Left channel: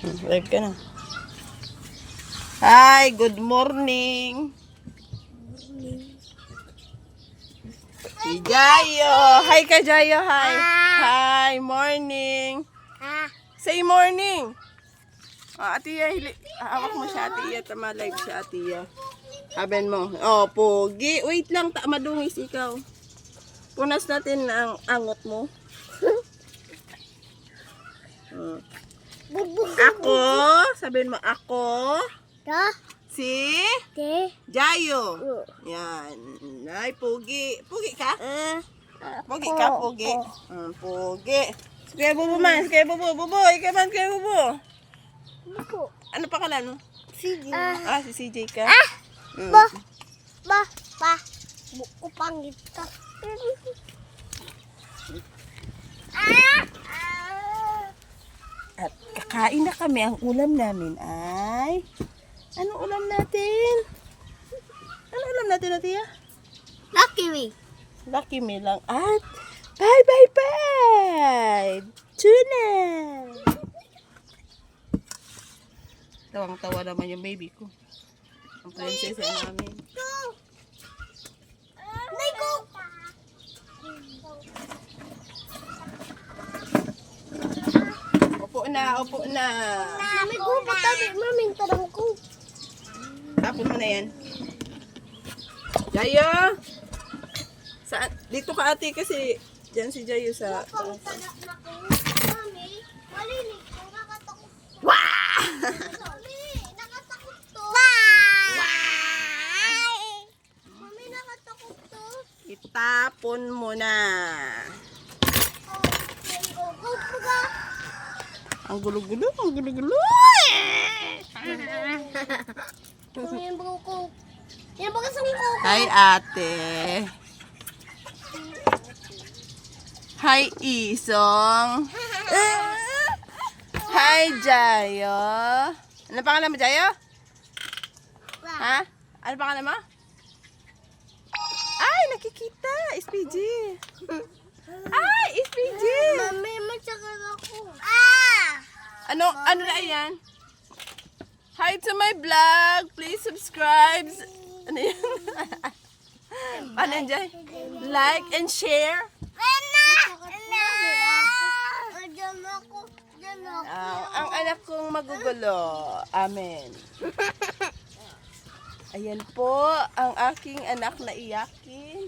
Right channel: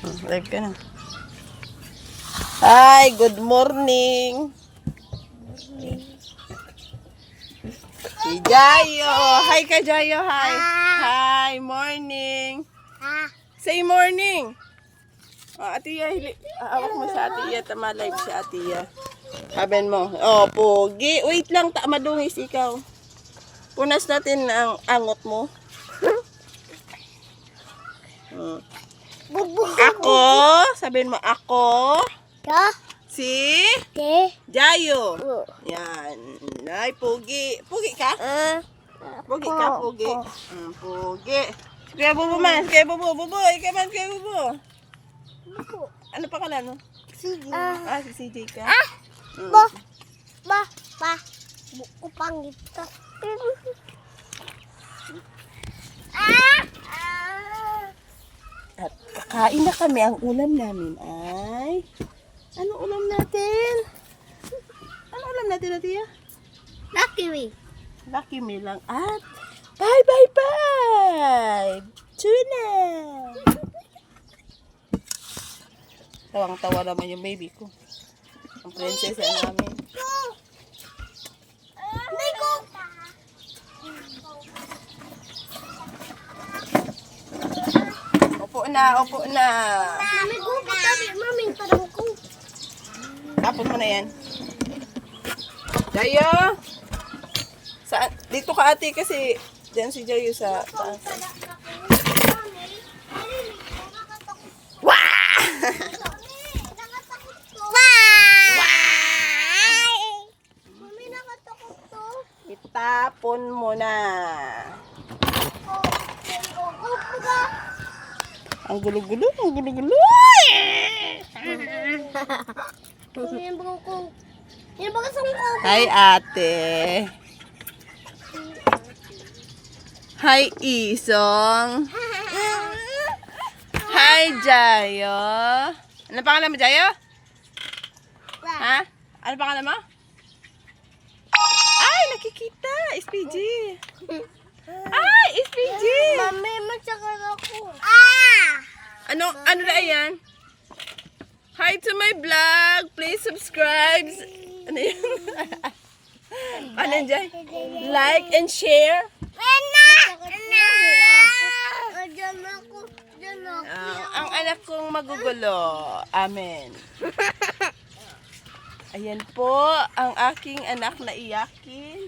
Live ka na. Hi, good morning. Si Jayo. Hi ka, Jayo. Hi. Hi, morning. Say morning. Atiya, hawak mo siya, Atiya. Tama, live siya, Atiya. Sabihin mo. Oh, pogi. Wait lang, madungis ikaw. Punas natin ang angot mo. Ako. Sabihin mo, ako. Si Jayo. Yan. Ay, pogi. Pogi ka? Pogi ka, pogi. Pogi. Kaya bubo man. Kaya bubo. Bubo. Ikaw man, kaya bubo. Ano pa kalan mo? CJ. Si CJ ka? Ba. Buko pangit ka. At kakain na kami. Ang ulam namin ay... Anong ulam natin? Ano ulam natin, Atiya? Lucky me. Lucky me lang. At bye! Tuna! Tawang-tawa naman yung baby ko. Ang prinsesa namin. Opo na. Mami ko, tabi, mami, parang ko. Tapos mo na yan. Jayo! Dito ka, ate, kasi dyan si Jayo sa taas. Itapon mo na. Ang gulo-gulo. Hi, ate. Hi, Isong. Hi, Jayo. Ano pangalan mo, Jayo? Ha? Ano pangalan mo? Ay, nakikita. SPG. Ay, SPG. Mami, matsakal ako. Ano na yan? Hi to my vlog. Please subscribe. Ano yan? Ano dyan? Like and share. Ang anak kong magugulo. Amen. Ayan po ang aking anak na iyakin.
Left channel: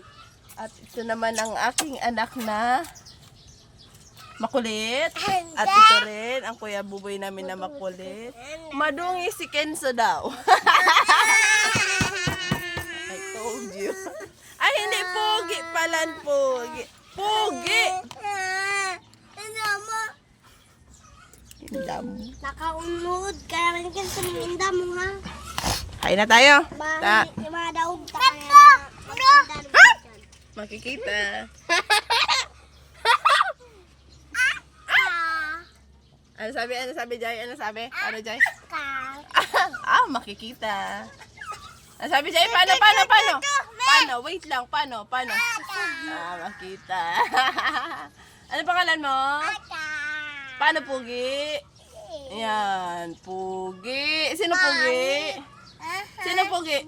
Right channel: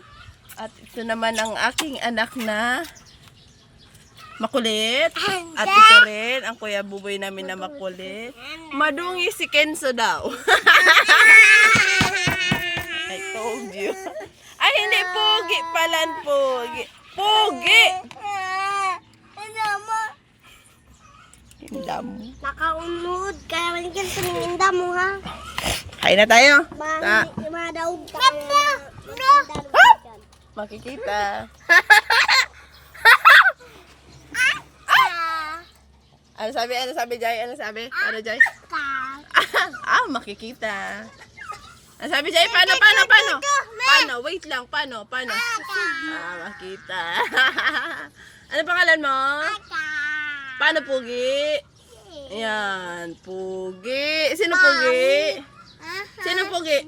At ito naman ang aking anak na makulit. At ito rin ang kuya buboy namin na makulit. Madungi si Kenzo daw. I told you. Ay, hindi. Pogi palan. Pogi. Inda mo. Nakaunod. Kaya maligyan sa ninda mo, ha? Kain na tayo. Madaog ka. Makikita. Ano sabi, Jai? Ano sabi? Ano, Jai? Makikita. Ano sabi, Jai? Paano? Paano? Wait lang. Paano? Makita. Ano pangalan mo? Paano, Pugi? Ayan, Pugi. Sino Pugi? Sino Pugi?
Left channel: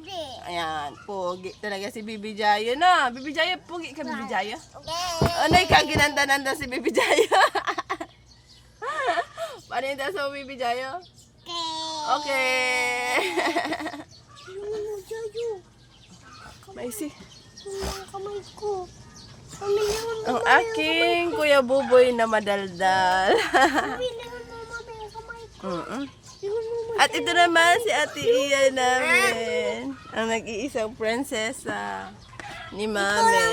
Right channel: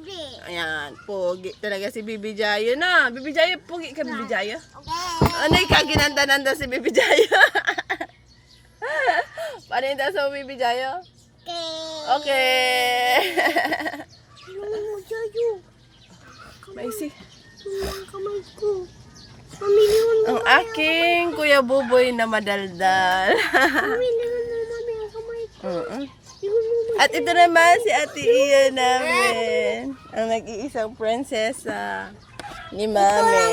Ayan, Pugi. Talaga si Bibi Jayo na. Bibi Jayo, Pugi ka, Bibi Jayo? Ano ka, ginanda-nanda si Bibi Jayo? Paano yung sa Bibi Jayo? Okay. Maisi. Kamay ko. Ang aking Kuya Buboy na madaldal. At ito naman si Ate Iya namin. Ang nag-iisang prinsesa ni Mami.